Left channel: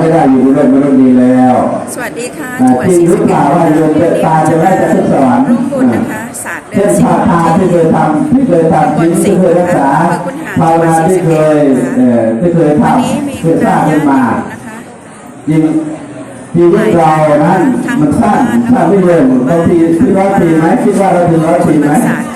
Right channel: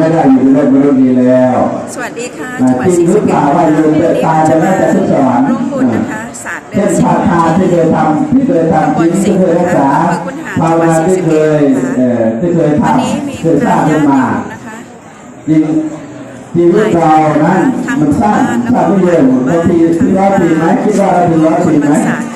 ไม่ได้อยู่ในโลกมนุษย์นี้แล้ว สวัสดีค่ะจังหวัดศรีสะเกษนะคะวันนี้เราจะมาร่วมบุญนะคะศาสตร์เดืเช่อนนสิบพาทาที่ที่เคยทำที่เคยทำตำบลสิงห์นะคะอำเภอคุนหารจังหวัดศรีสะเกษนะคะเออที่เคยทำวันนี้มีเคคยสณะร้างญาขึ้นติโยมามนะคะจริงชีวิตเรานะมันสร้างสร้างไม่เร็วบางทีที่ร้อยปีไหมคิดว่าเราถึงร้อยบุปีญไหมวันศาส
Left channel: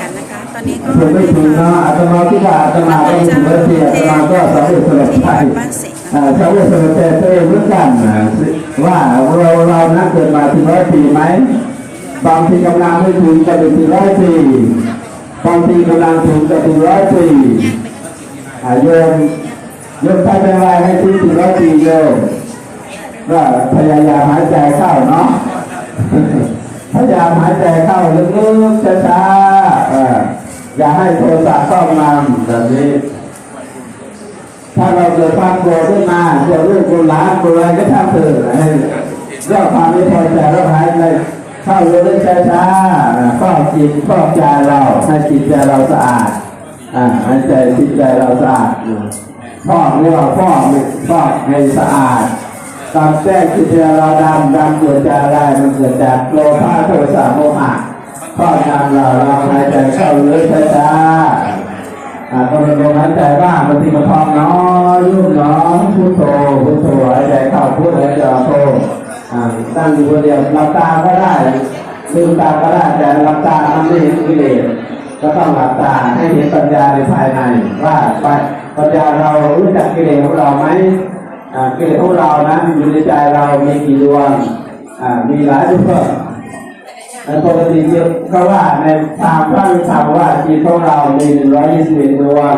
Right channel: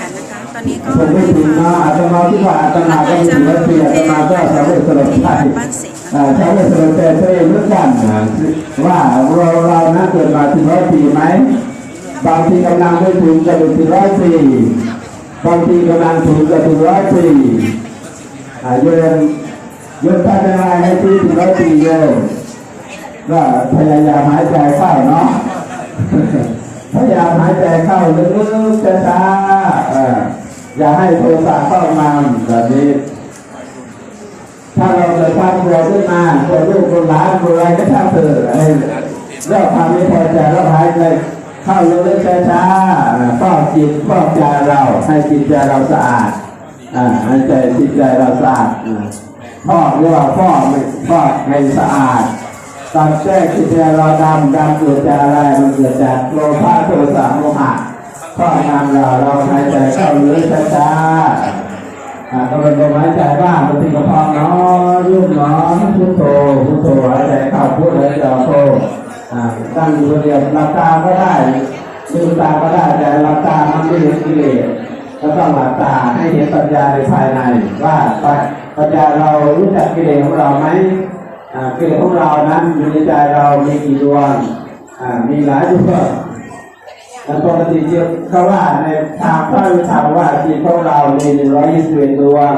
ตร์กันนะคะตอนนี้ก็ผมไม่ได้ถึงฟันะงอาตมาคิดว่าอาตพมาระก็คุณถึเจ้างร้อยปีอาเทตศมาก็นะสาคะวกสลับที่ใจวัดบ้านสิงห์นะอ่าคะชาวเวสสันดรตัวเองเหมือนกันนะว่าเราเรานะเกิดมาถึงร้อยปีไหมบางทีกำลังไม่ถึงจะเป็นถึงร้อยปีบางทีกำลังถึงจะถึงร้อยปีอ่าโยมโยมทำยังไงให้ถึงถึงร้อยปีโยมก็พยายามหายใจเข้าเนาะพยายามหายใจเข้าลึกๆช้าๆเอย่าให้โทสะครอบงำแบบนี้ ถ้าเราเกิดความกลัวขึ้นมาตัวลูกคนหลานคนอะไรก็ทำเถอะเรื่องความไม่พอใจเราหายไปเข้าเรื่อยๆช้าๆครอบจิตครอบใจเราให้จิตใจเราสะอาดอ่าให้ใจจิตใจเราสะอาดฟอกเรียกว่าฟอกฟอกให้สะอาดตามแจ้งจิตใจเราดำดำเกิดจากอะไรมันเกิดจากโลภะโทสะโมหะ กนำเราเราหายใจเข้าเรื่อยๆช้าๆอ่ากเป็นลมหายใจบ้างบางทีก็พองน้อยยุบน้อยพุทโธพุทโธหายใจเข้าพุทหายใจออกโธอ่าตั้งอยู่คนเดียวหลับตาก็ได้ลืมตาก็ได้แต่หลับตามันไม่เห็นกิเลสก็ต้องหลับตาให้เห็นปัญญาในภายในว่าปัญญาเรารู้จักกิเลสของเราไหมกิเลสของเรานั้นอยู่ในใจเรามีกี่ดวงอ่ามีหลายดวง แต่ปกติเยอะก็ว่าในทางพระวิชาว่าจิตของเรามีหนึ่งร้อยยี่สิบเอ็ดดวง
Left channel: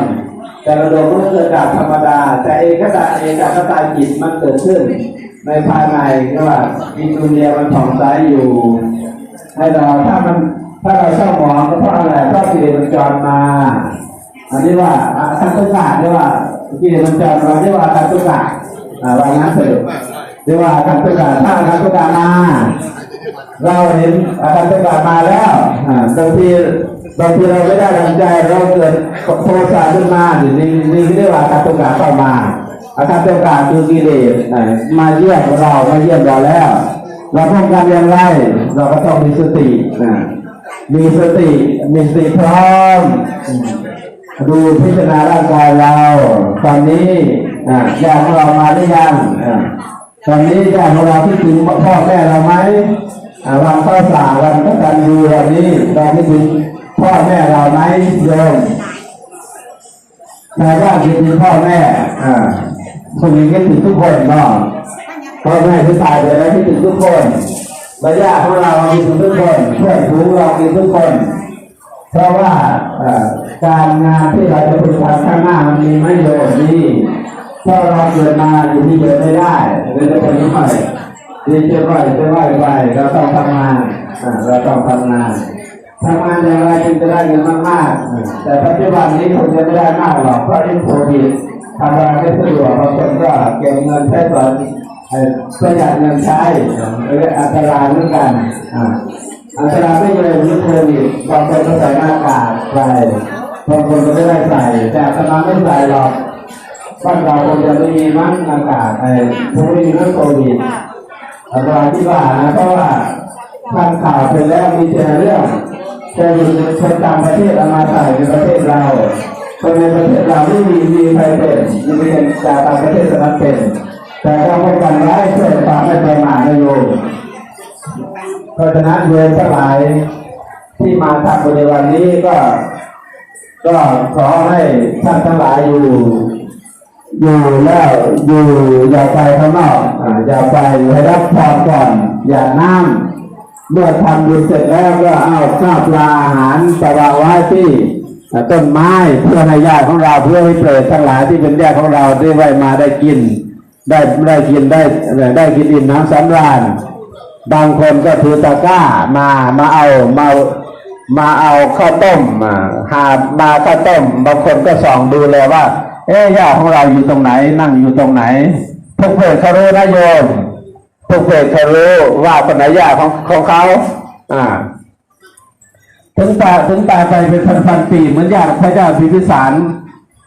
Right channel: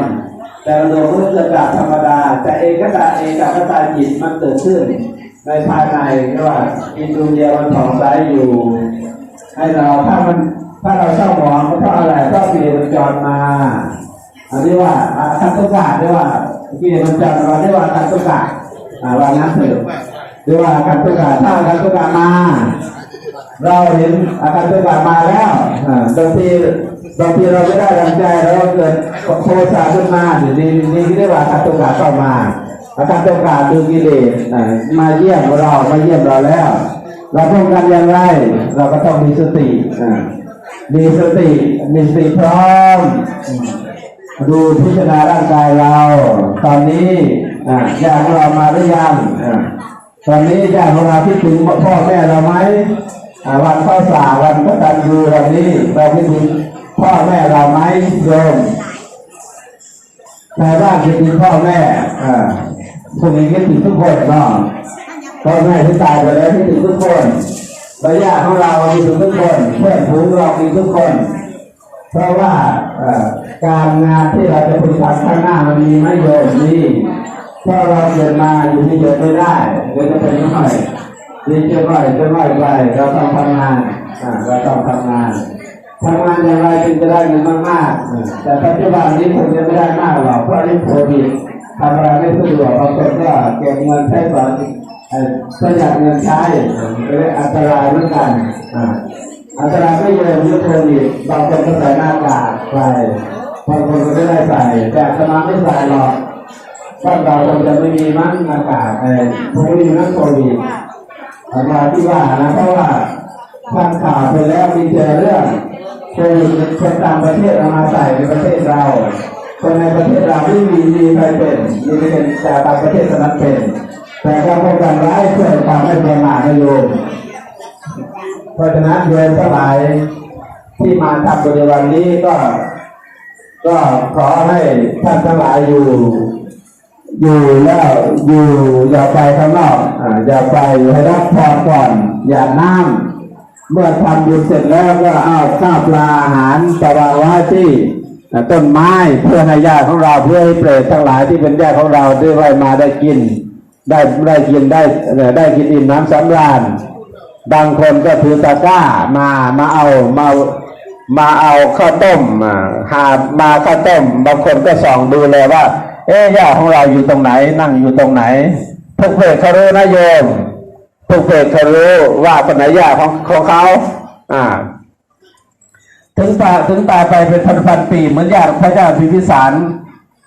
แต่ละดวงก็เกิดจากธรรมดา แต่เอกตาเอกคตาจิตมันเกิดขึ้น ในภายในก็ว่ามีดวงเดียวมันผ่องใสอยู่ ให้เราถ้ามันถ้าเราเศร้าหมองก็เพราะอะไรเพราะกิเลสมันจรมาอันนี้ว่าการตุกะเรียกว่ากิเลสมันจรมาเรียกว่าการตุกะอ่าวันนั้นเถิดเรียกว่าการตุกะถ้าการตุกะมา เราเห็นอาการตุกะมาแล้วอ่าบางทีบางทีเราไม่ได้ดังใจเราเกิดโทสะขึ้นมานี่นี่นี่เรียกว่าอาการตุกะเข้ามาอาการตุกะคือกิเลสอ่ามาเยี่ยมเรามาเยี่ยมเราแล้ว เราป้องกันย่างไรเราก็ต้องมีสติอ่ามีสติมีสติพร้อมดูพิจารณาร่างกายเรา ตอนนี้อ่าญาติของเรามาหรือยังอ่าตอนนี้ญาติของเราคิดถึงพ่อแม่เราไหม วันข้าวสาวันก็ตัญญูวันนี้เราคิดถึงพ่อแม่เราไหมโยมชาวบ้านคิดถึงพ่อแม่อ่าพวกนี้คิดถึงทุกคนเนาะพ่อแม่ที่ตายไปแล้วคิดถึงทุกคนระยะของเรามีถึงทุกคนเพื่อนฝูงเรามีทุกคน เพราะว่าการงานที่เราจะพึงทำข้างหน้ามันมีไม่เยอะนี่ถ้าเราเกิดมาอยู่ที่เดิมไม่ได้เราจะเป็นยังไง รียนจะร่อยจะร่อยไปเราต้องทำงานอ่าเราต้องทำงานทำงานอย่างไรจึงจะได้เงินมากๆ แต่ปัจจุบันนี้คงจะไม่ได้มากหรอกเพราะเรื่องโควิดทำอะไรไม่สะดวกบางคนก็เก็บเงินใช้สอนเอ่อประหยัดเงินใช้อ่าเป็นอันตรายเหมือนกันอ่าอาจารย์ไม่เยอะยุคโควิดบางคนก็ใส่หน้ากากใส่บางคนก็ไม่ได้ใส่แต่อาตมาไม่ใส่หรอกบ้านเราคงจะไม่มีมั้งหน้ากากไอ้พวกนี้นั่นโควิด อาตมาคิดว่านะเพราะว่าทำข่าวไปแล้วมีแต่เรื่องโควิดคนต่างประเทศเอามาใส่ในประเทศเราคนในประเทศเราไม่มีมีใครเป็นมีเป็นจากต่างประเทศสนับเป็นแต่เราป้องกันได้เพื่อความไม่ประมาทไม่โยมเพราะฉะนั้นโยมทั้งหลายที่มาทำบุญในวันนี้ก็ ก็ขอให้ท่านทั้งหลายอยู่ อยู่แล้วอยู่อย่าไปข้างนอกอย่าไปให้รับพรก่อนอย่าน้ำเมื่อทำบุญเสร็จแล้วก็เอาข้าวปลาอาหารไปวางไว้ที่ต้นไม้เพื่อให้ญาติของเราเพื่อให้เปรตทั้งหลายที่เป็นญาติของเราได้ไว้มาได้กิน ได้ได้กินได้ได้กินอิ่มน้ำสำราญบางคนก็ถือตะกร้ามามาเอามามาเอาข้าวต้มอ่าหามาข้าวต้มบางคนก็ส่องดูเลยว่า เอ๊ะญาของเราอยู่ตรงไหน นั่งอยู่ตรงไหน ทุกเพจเขารู้นะโยมทุกเพจเขารู้ว่าคนไหนญาของของเขาอ่า ถึงตาถึงตาไปเป็นพันพันๆปีเหมือนญาติพระเจ้าพิพิสาร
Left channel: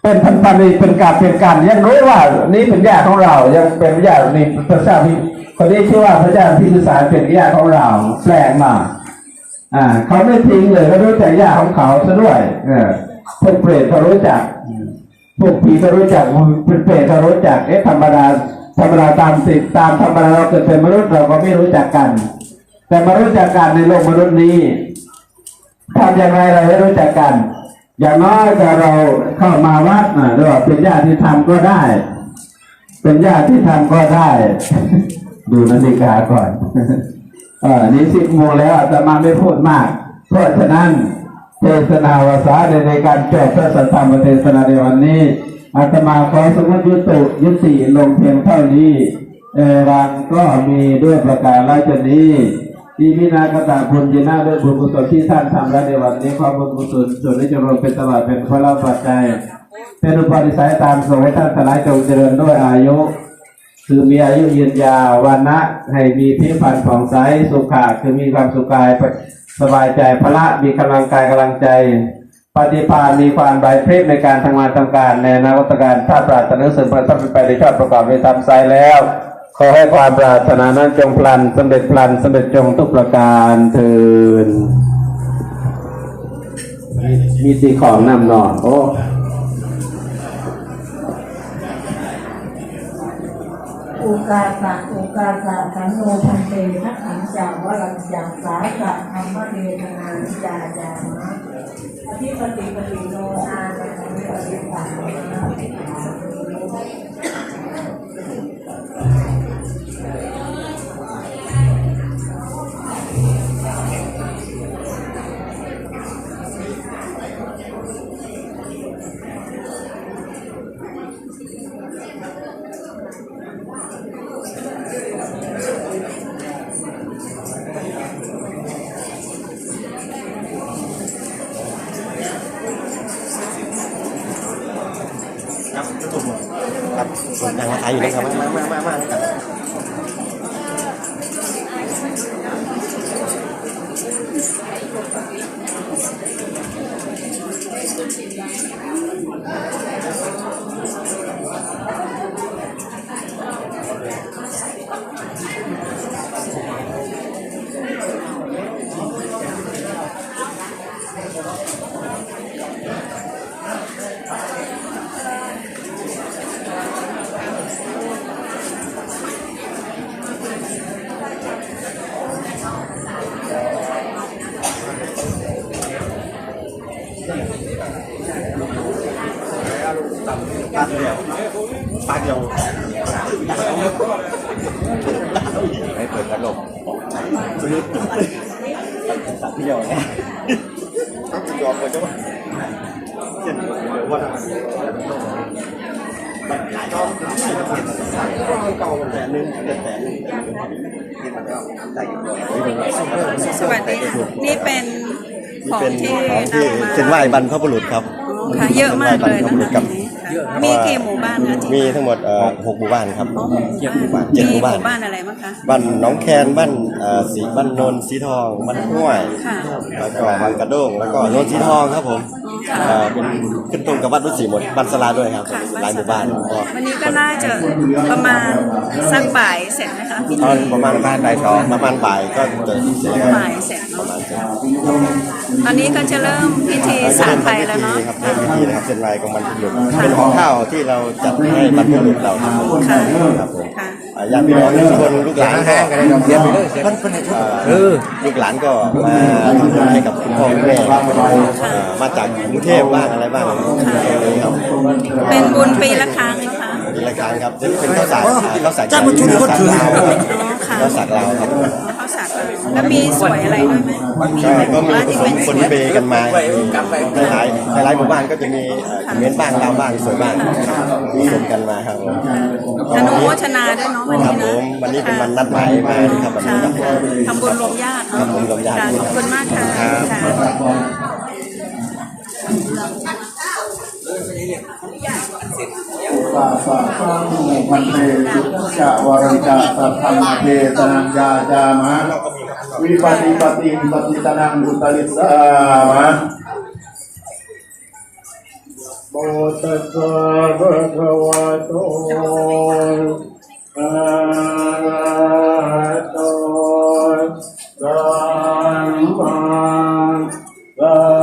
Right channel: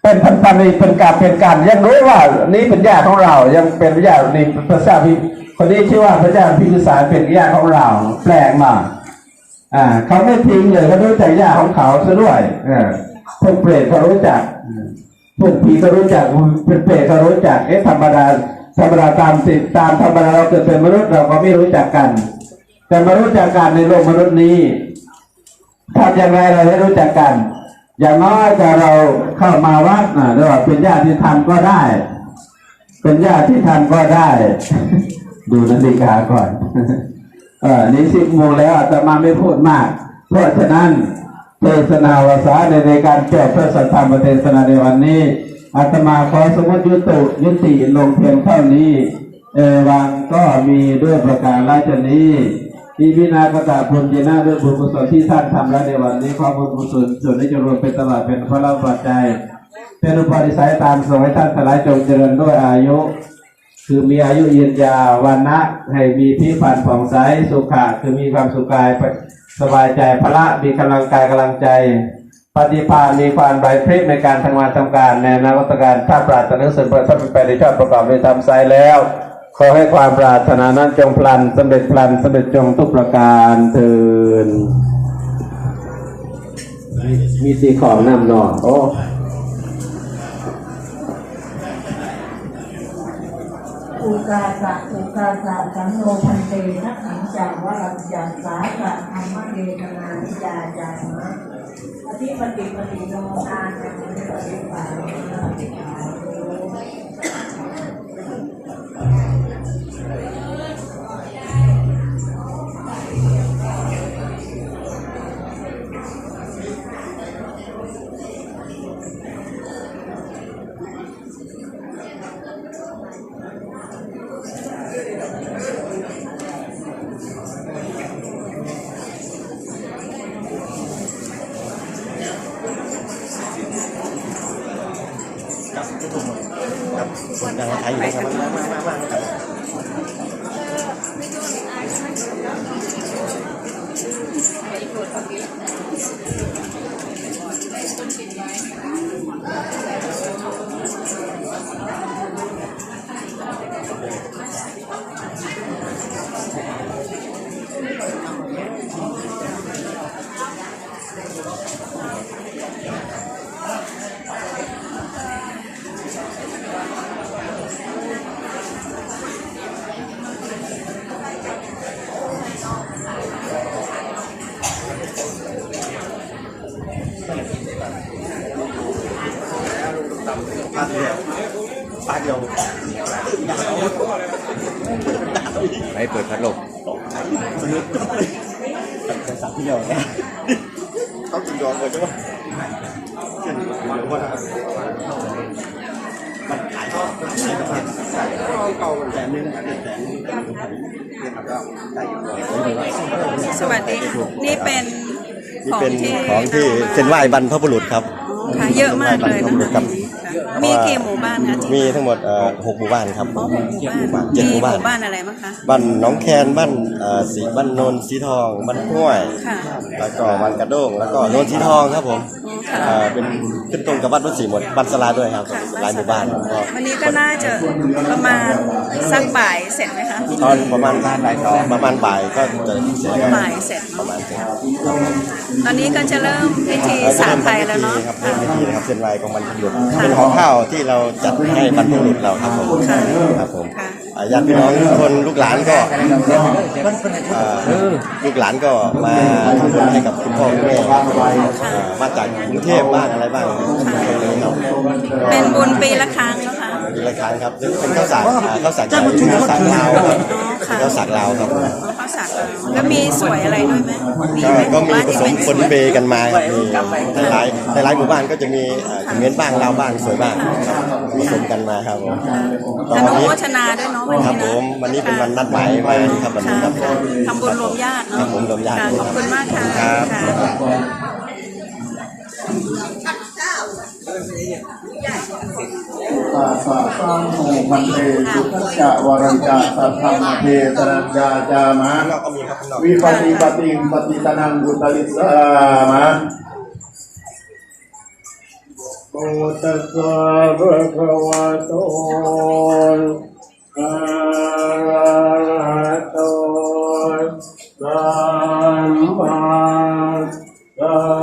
เป็นพันธมิตรเป็นการเป็นการยังรู้ว่า นี่เป็นญาติของเรา ยังเป็นญาตินี่พระเจ้าพิคนนี้ชื่อว่าพระเจ้าพิพิสารเป็นญาติของเราแปลงมากอ่า เขาไม่ทิ้งเลยเขารู้จักญาติของเขาซะด้วยเออพวกเปรตก็รู้จัก พวกผีก็รู้จักเป็นเปรตก็รู้จักเอ๊ะธรรมดาธรรมดาตามสิตามธรรมดาเราเกิดเป็นมนุษย์เราก็ไม่รู้จักกัน แต่มารู้จักกันในโลกมนุษย์นี้ทำยังไงเราให้รู้จักกัน อย่างน้อยถ้าเราเข้ามาวัดเรียกว่าเป็นญาติธรรมก็ได้ เป็นญาติธรรมก็ได้ ดูนาฬิกาก่อนเออนี่สิบโมงแล้วอาตมาไม่พูดมาก เพราะฉะนั้น เทศนาวาสาในในการจบพระสัทธรรมเทศนาในวันนี้อาตมาขอสมมติยุติยุติลงเพียงเท่านี้เอวังก็มีด้วยประการราชนี้ที่พินากตาคุณยินาด้วยบุญกุศลที่ท่านทำแล้วในวันนี้ขอบุญกุศลส่วนได้จงรวมเป็นตลอดเป็นพระราปัจจัยเป็นอุปนิสัยตามส่งให้ท่านทั้งหลายจงเจริญด้วยอายุ คือมีอายุยืนยาววันนะให้มีพิพันธ์ผ่องใสสุขะคือมีความสุขกาย สบายใจพละมีกำลังกายกำลังใจ ปฏิภาณมีความไร้เพศในการทำงานทำการในนวัตการถ้าปรารถนาสิ่งประทับไปในชาติประกอบในธรรมไซแล้ว ขอให้ความปรารถนานั้นจงพลันสำเร็จพลันสำเร็จจงทุกประการเถินมีมีสีของนำหนอโอ้ อุกาสะอุกาสะสันโนพันเตทักขังจากวรังจังสาสะธรรมเดตนาธิยาจามะอธิปติปติโนอานปฏิปติปัน โนไป สวัสดีค่ะนี่เป็นของที่ของที่นำมาเส้นไหว้บรรพบุรุษครับอ๋อค่ะ เยอะมากเลยนะครัคะบทีนี้ค่ะ มีกี่หมู่บ้านคะที่มีทั้งหมดเอ่อหกหมู่บ้านครับอ๋อหกเจ็ดหมู่บ้านเจ็ดหมู่บ้านมีหมู่บ้านอะไรบ้างคะบ้านหน้องแคนบ้านเอ่อสีบ้านโนนสีทองบ้านห้วย ค่ะแล้วก็บ้านกระโด้งแล้วก็โนนสีทองครับผมอ๋อค่ะ เอ่อเป็นขึ้นตรงกับบ้านรุ่นสีหมดบ้านสลาด้วยครับค่ะหลายหมู่บ้านก็วันนี้ก็น่าจะประมาณสักบ่ายเสร็จไหมคะพิตธีอนประมาณบ่ายสองประมาณบ่ายก็จะเสร็จครับบ่ายเสร็จประเนาะมาณเสร็จตอนนี้ก็จะเริ่มพิธีสาดไปแล้วเนาะ ครับค่ะเริ่มพิธีนะครับเป็นลายของบรรพบุรุษค่ะ เป็นของข้าวที่เราจัดให้บรรพบุรุษเราครับผมค่ะ ครับผมค่ะ อ่าญาติพี่น้องทุกคนลูกหลานก็เออลูกหลานก็มาทำบุญให้กับคุณพ่อคุณแม่ครับอ่ามาจากกรุงเทพบ้างอะไรบ้างตรงนี้ครับ เป็นบุญปีละครั้งนะคะ ปีละครั้งครับเป็นข้าวสารอ่าข้าวสารจากข้าวสารลาวครับอ๋อค่ะข้าวสารลาวครับอ๋อข้าวสารเราแล้วมีสวยอะไรด้วยไหมมีไหมหก็มู่มีบ้านผที่สเป็มนคสนวยเบกันมาในหลายในหลายหมู่บ้านก็จะมีเอ่อเงินบ้างลาวบ้างสวยบ้างมีผสมกันมาครับผมอนุโมทนาด้วยเนาะวันครันี้บผนะมวันนี้เป็นวันนัดหมายไปครับวันค่ะนี้ครับค่ะทำบุญรวมญาติเนาะทำบุญรวมญาติ ค่ะขอบคุณมากค่ะค่ะ ปะปะสังวันเตสุขจะวรัญจะสัทธรรมเทศนัญญาจามะนอกก็มีครับข้างนอกวิปฏิปติปฏิตนังกุตลิสามะบตัสสะภะคะวะโตอะระหะโตสัมมาสัม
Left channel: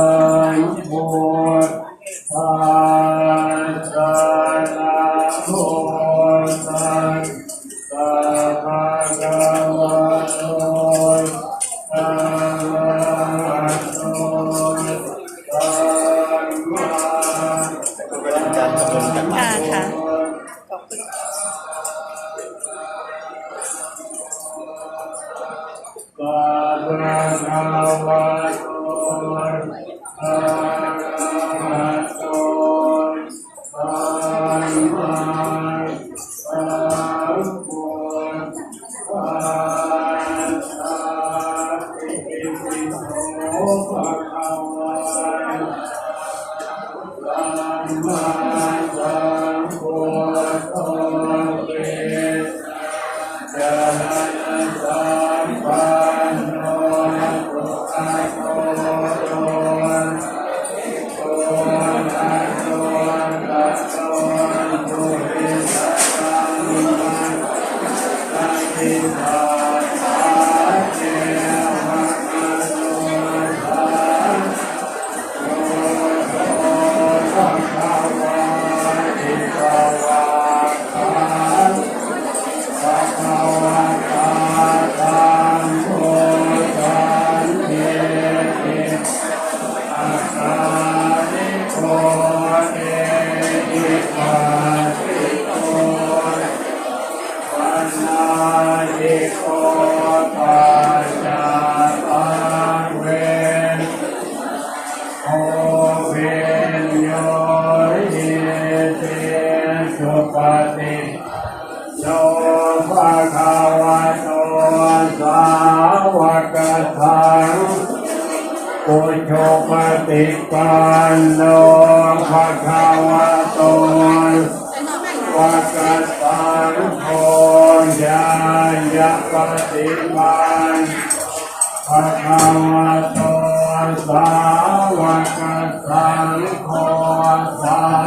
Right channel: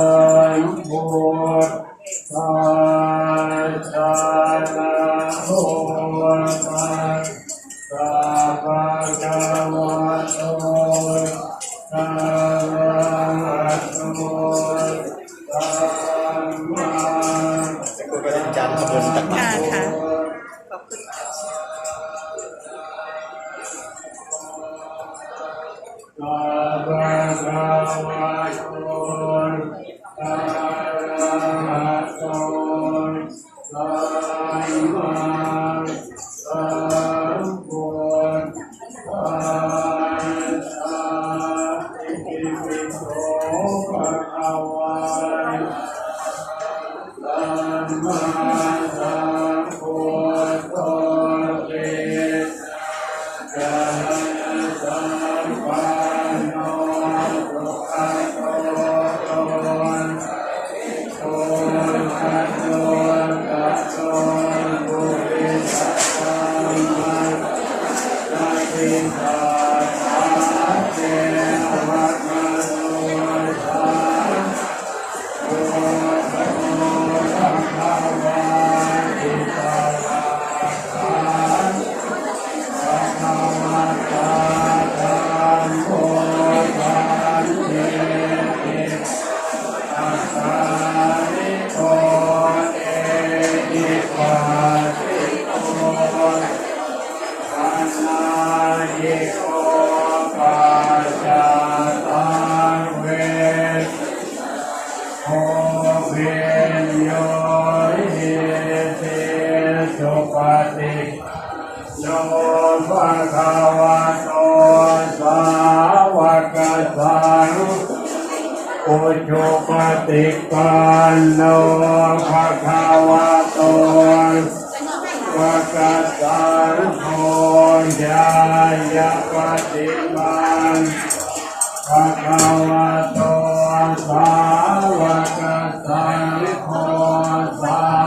ติ สุปฏิโนภะคะวะโตสาวกสังอุชุปฏิปันโนภะคะวะโตวะกสังโฆญายะปฏิปันภะคะวะโตสาวกสังโฆสา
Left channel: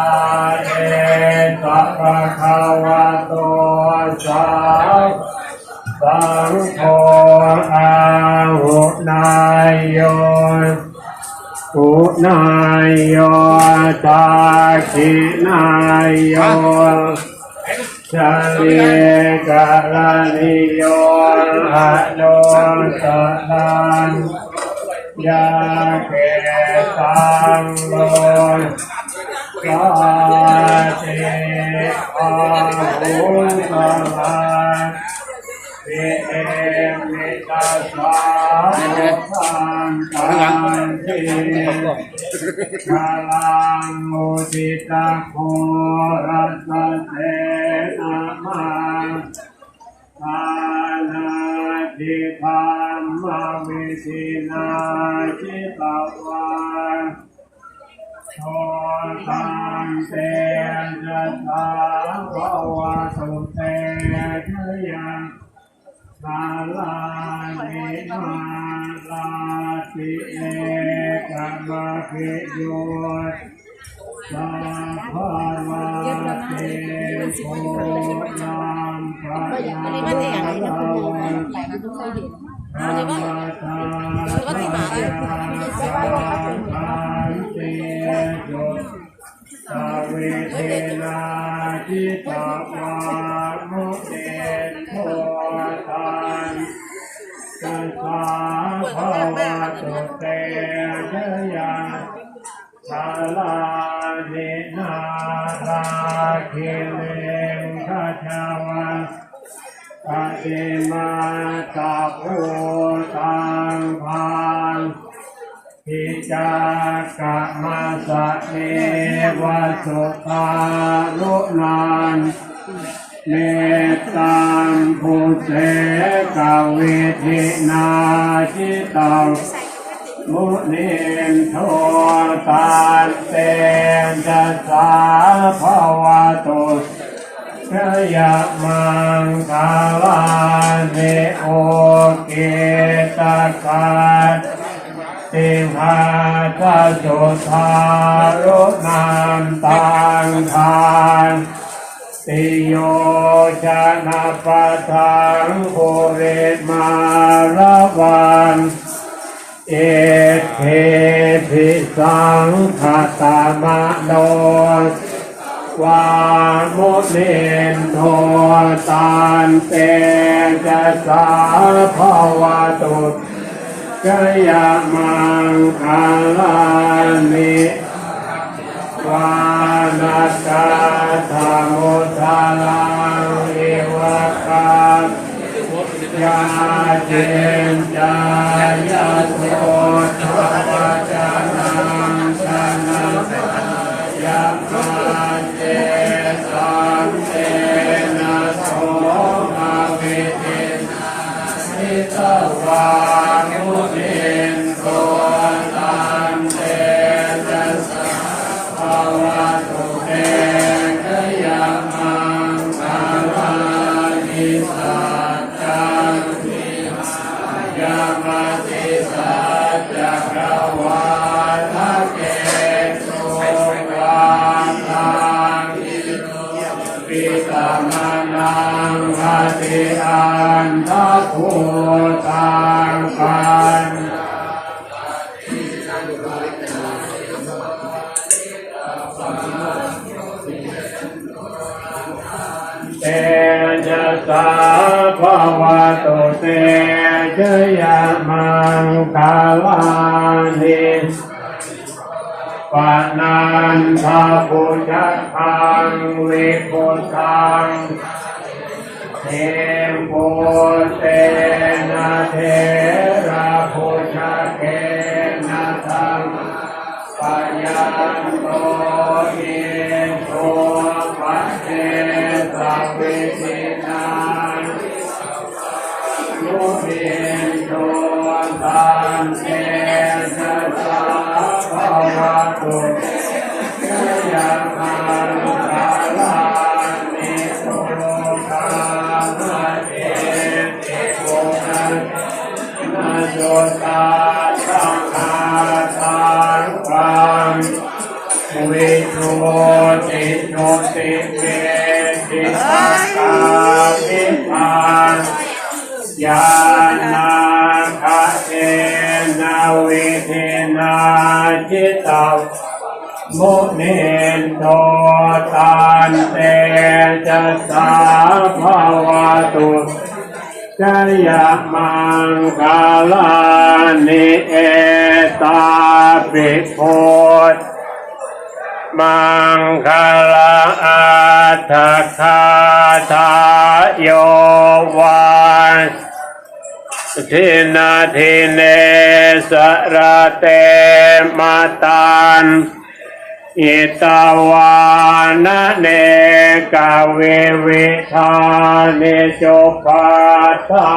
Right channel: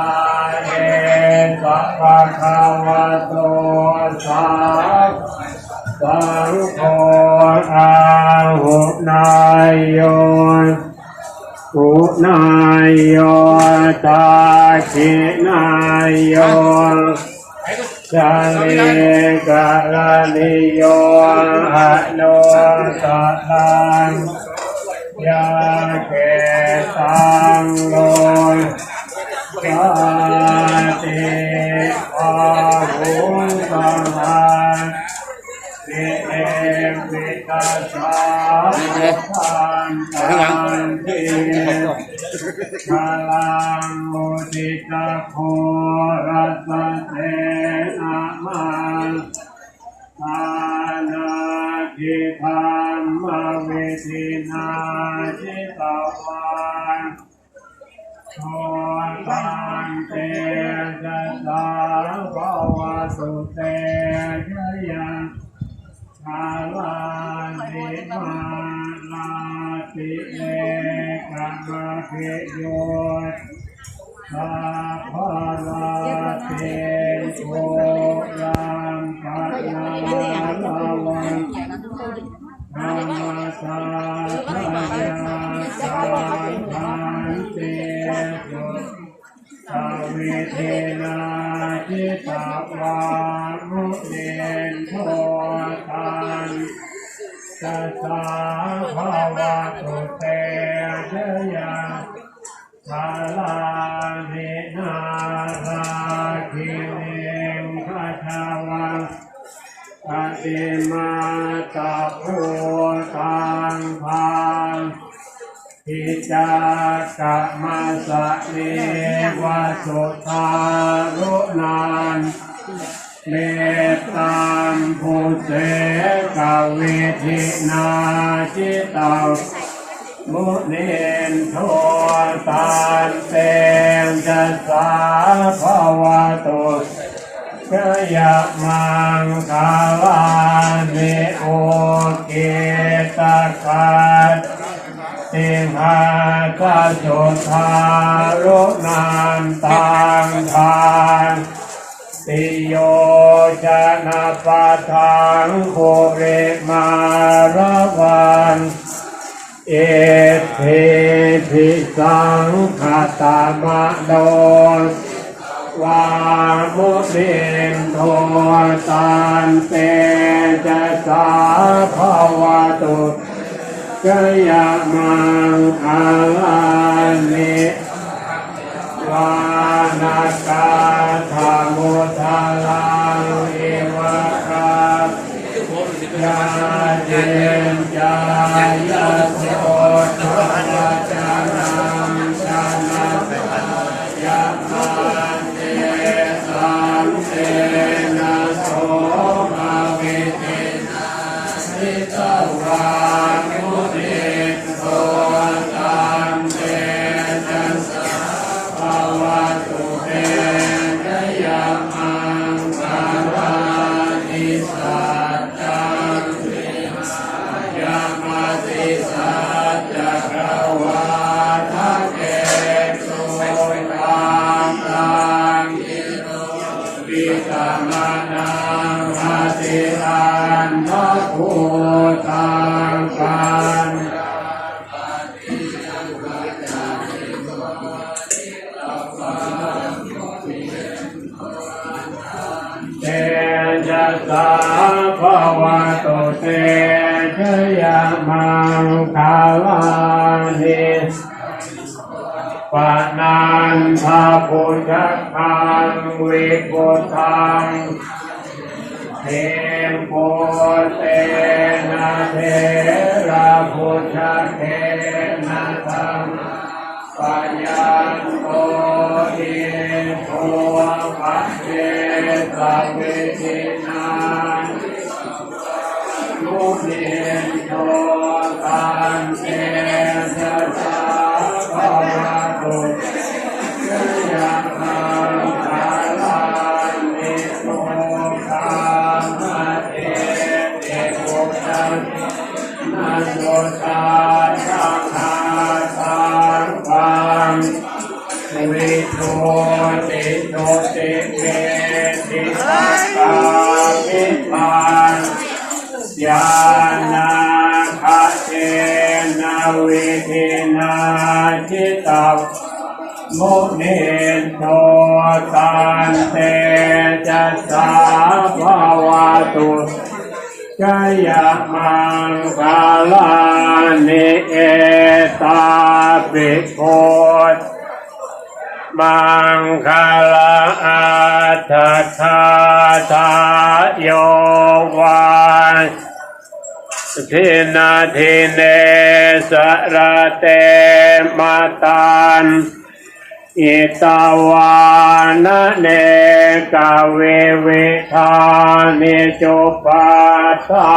นายโยตาคินายโยชาลิกาลานิโยหะโนสะทันยาเกตังโลกาเตอาหุสัง ทันตังเทคาลังมุทิตาโครัสเตนะมังอานาทิธรรมวิสินาจิตวาโอตังเตจะสาภวสุเตชยัง กาลานิมาลาติเอกะมะเขโยสาภาลาเตโช เนวะสุตาลุนันเมตตามภูเสกเวทินาจิตามุนินโทตานเตงจะสสาภาวะตุกยะมังคาลานิโอเกตกาต ติหาตาสุทารุนามตังทานติโยชนะปะทังโคเรมาระวันเอเทพิสังคาตามะโนวามุนินโทตานเตจะสาภาวตุ กยะมังคาลานิวานากาธรรมุทาลังเอวะคาญาเจนจายาส ภาวะโตเตชยามังคาลานิปานันทาปุจจังวิปุตังเทโปเตนะเทระพุทธเกนะทังปัญญาโตอิโต นุเมังคาลาอัตคาทายวันทินาทิเนสระเตมาตันอิตาวานะเนกาเววิธานิจุปัตตา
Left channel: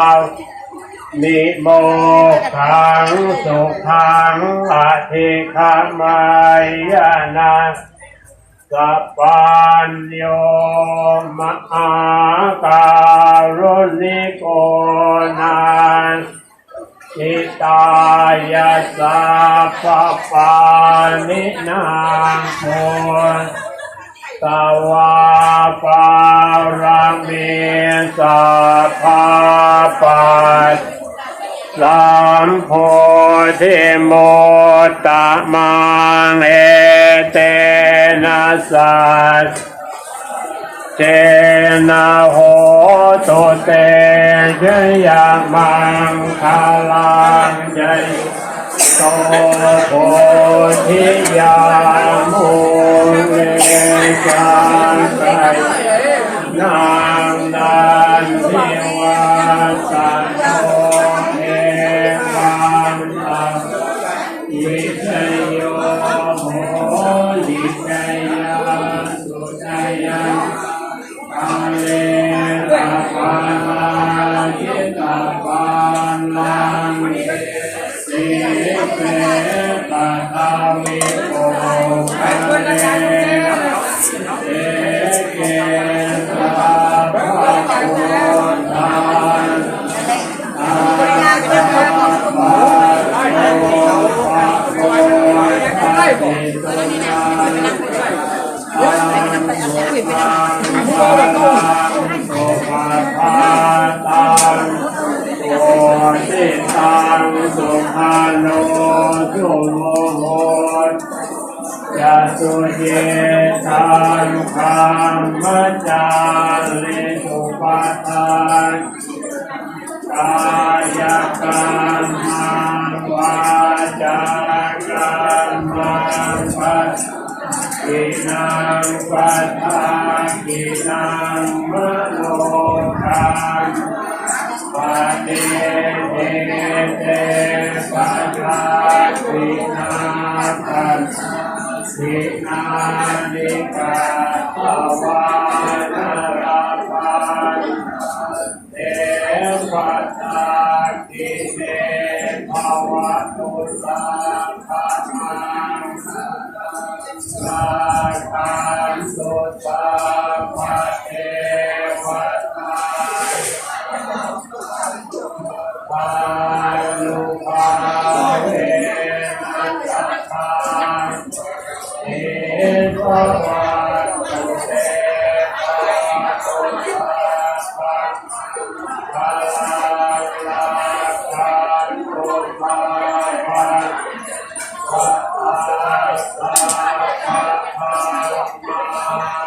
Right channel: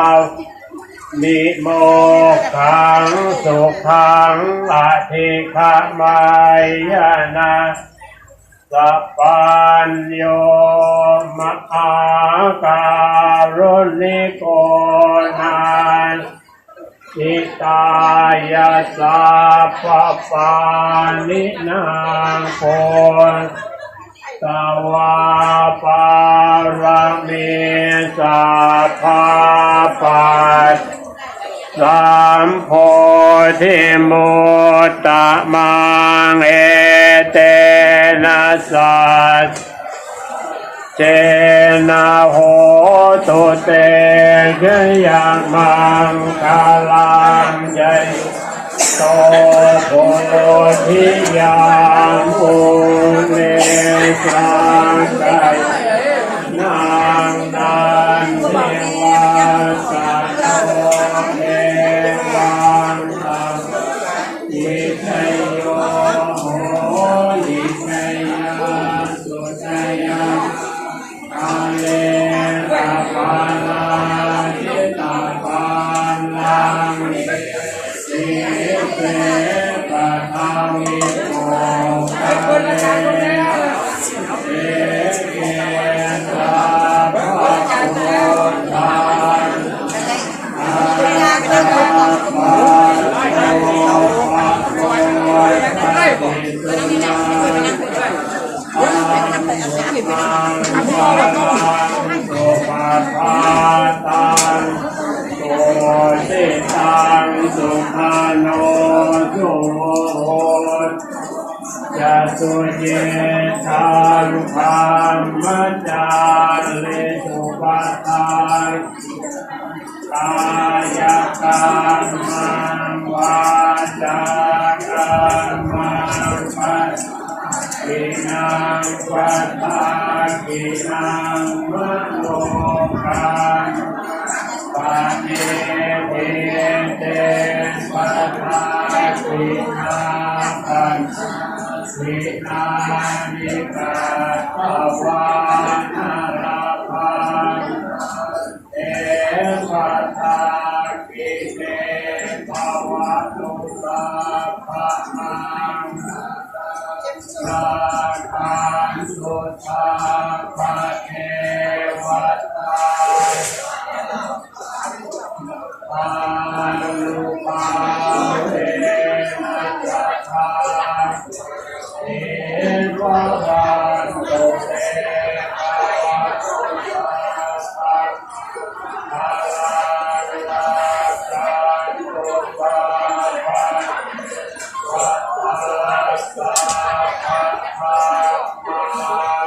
นิโมขังสุขังอธิขมายนะสัพพัญโยมะอาการุณิโกนันอิตายาสาปปานินางโพสวาปารมิสัพพาป สสัมโพธิโมตตะมังเอเตนะสัสเจนะโหตุเตชยมังคาลังใจโตโพธิยามุนิสังไกนา สุ ม